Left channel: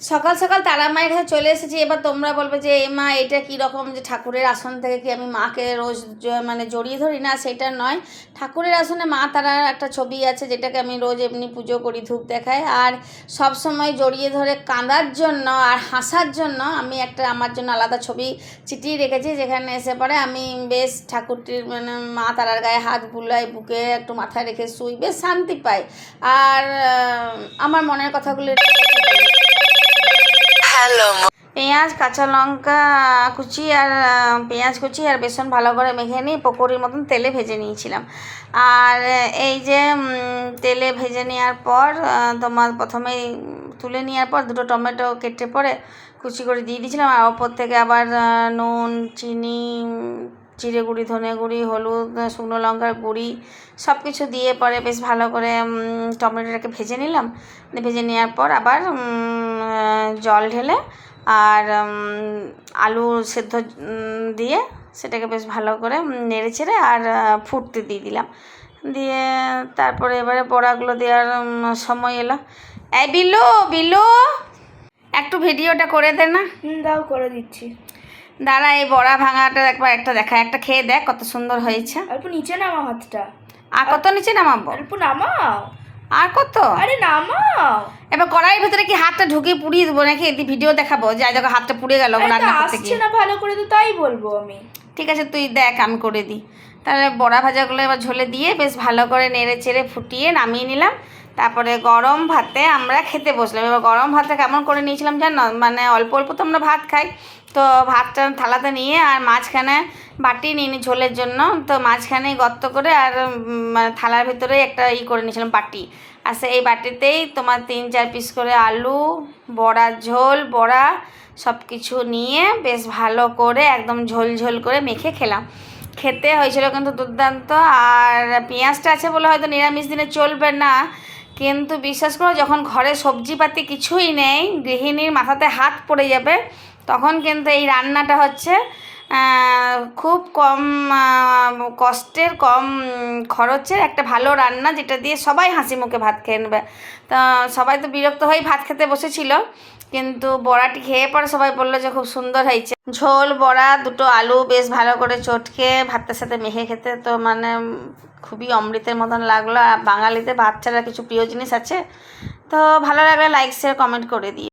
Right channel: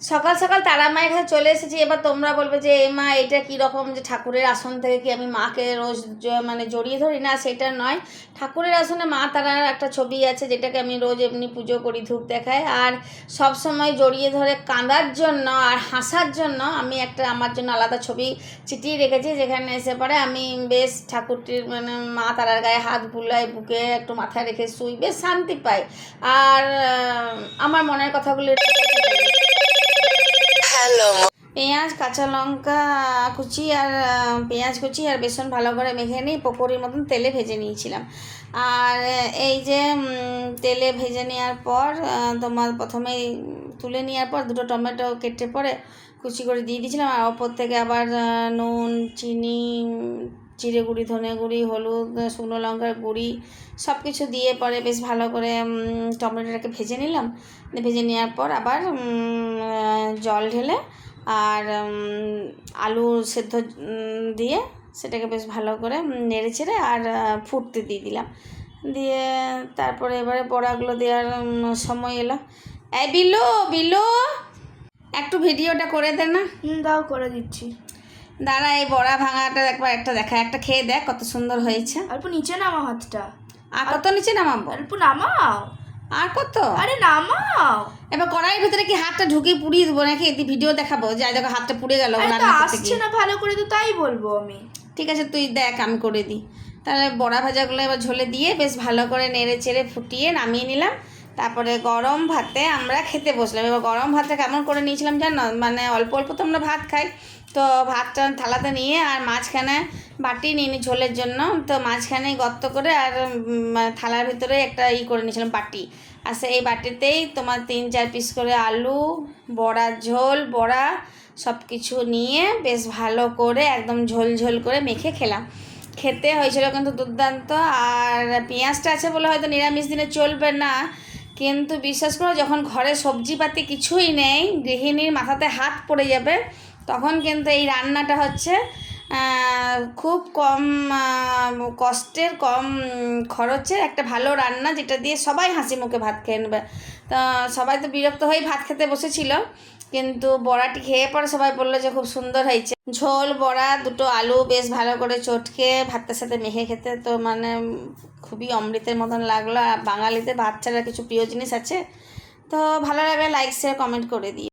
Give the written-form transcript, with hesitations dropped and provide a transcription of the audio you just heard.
সকাল সকাল তারা মায়ের কাছে চলে এসেছি। এবার তোমরা বলবে যে এ মা এটা কীরকম, যে ঠাকুরের আসন থেকে কি আমি মাকে রোজ মানে জড়িয়ে ধরি? না, সেটা নয়। ঠাকুরের আসনে মা তারার একটা ছবি আছে, যেটাকে আমি রোজ এমনি পুজো করি, ধূপ দেখাই। আর সব সময় জড়িয়ে ধরে কাঁদার জন্য আর হাসার জন্য আমি একটা আমার জন্য আলাদা ছবি চিটিয়ে রেখেছি, যেখানে এসে পরে আমি বেশ ঠাকুরটির মানে মা তারার গায়ে হাত বুলাই, বুকে একটু মাথায় রেখে শুই, বেশ শান্তি পাই। আর আমার মনের কথাগুলো পেঁয়াজ, কাঁচা লঙ্কা কুচি আর পেঁয়াজ কুচি আর বেসন ভালো করে মেখে নিয়ে পকোড়ির মতন তেলে ভেজে নিয়েছিলাম। আর এই যে তেলে ভেজে নেওয়ার পর তোমার প্রথমেই তুলে নেওয়ার পর দুটো টমেটো কেটে পরে কুচি করে দিয়ে দিয়েছিলাম। আর ওপর থেকে আবার নুন, চিনি, জিরে গুঁড়ি, ধনে গুঁড়ি, হলুদ, শুকনো লঙ্কার গুঁড়ি সব কিছু দিয়ে পরে বেশ ভালো করে টমেটোটাকে ভেজে নিলাম। ভেজে নেওয়ার পর আবার জল ঢেলে আর আলু সেদ্ধ দিয়ে সেটাকে বেশ ভালো করে নেড়ে চেড়ে আর ফুটতে দিয়ে দিলাম। দিয়ে তারপরে এবারে বড়াগুলো দেওয়ার সময় এলো। এই বিলু, বিলু একটু ভিডিওটা করে দে না। দাও, করে দিচ্ছি। দাঁড়া, এই বড়া ভাঙাটা একবার একটা দেখা, একটা খেয়ে দেখ কত সুন্দর হয়েছে। অল্প নিচে নামাও হাতটা। আর কত নিচে নামাবো? অল্প নামাও। আর কত? আরে নামাও। এবার কড়াইয়ের ভিতরে কি হাতটা ঢুকিয়ে পুড়িয়ে দেবো নাকি? ভিডিও দেখাবো যে দেখো হাতটা পুড়ে গেল রান্না করতে আসছে গিয়ে। না ভালো করে, তো তাই বলবো আমি। ঠিক আছে, তুই দেখ, আমি করে দিই। তাহলে বড়া ভাজাগুলো এবার ঝোলে দিয়ে বেশ ভালো করে নেড়ে চেড়ে ফুটিয়ে নামিয়ে নিলাম। তারপরে গরম ভাতে আমরা খেতে বসলাম। এবার গরম ভাতটা কেমন করে নিয়েছিলাম জানো? মানে অল্প অল্প তো আমরা ভাত খাই, তো ভাতটা থালাতে নিয়ে আর মাঝখানে বাটি নিয়ে নিই ঝোলের জন্য। তো মাঝখানে গর্ত করে আর মানে থালার ভিতরে একটা করে নিয়েছিলাম বাটি। আর সেই বাটিতেই তোমার 3-4 পিস করে আলু, বড়ার ঝোল, বড়া সব কিছু নিয়ে বেশ ভালো করে একদম ঝোল ঝোল করে মেখে খেলাম। খেতে হয়েছিল কিন্তু দুর্দান্ত। আর পেঁয়াজটা আছে বলে হয়তো নিরামিষ দিনে চলবে না, কিন্তু বিশ্বাস করো যখন ঘরে সবজিপাতি কিছুই নেই, গৃহিণীর মাথাতে হাত পড়ে যাবে, তখন কিন্তু এই রান্নাটা হচ্ছে খুব কম কষ্টের, কম খরচের একটা ভালো রান্না, যেটা দিয়ে সবাই হাসি মুখে ভাত খেয়ে নেবে। তো সবাই তো বিরক্ত হয়েই ভাত খেতে বসেছিল, কিন্তু বড়াটি খেয়ে পরে সবাই বললো যে খুব সুন্দর হয়েছে। ঝোল, বড়া, দুটো আলু বেশ ভালো করে চটকে ভাতের সাথে মেখে খেতে তো মানে খুবই অমৃতের মতন লাগলো। আর বাঙালিতে ভাত ছাড়া কিছু প্রিয় জিনিস আছে? তো ভালো লাগলে লাইক, শেয়ার, কমেন্ট করে দিই।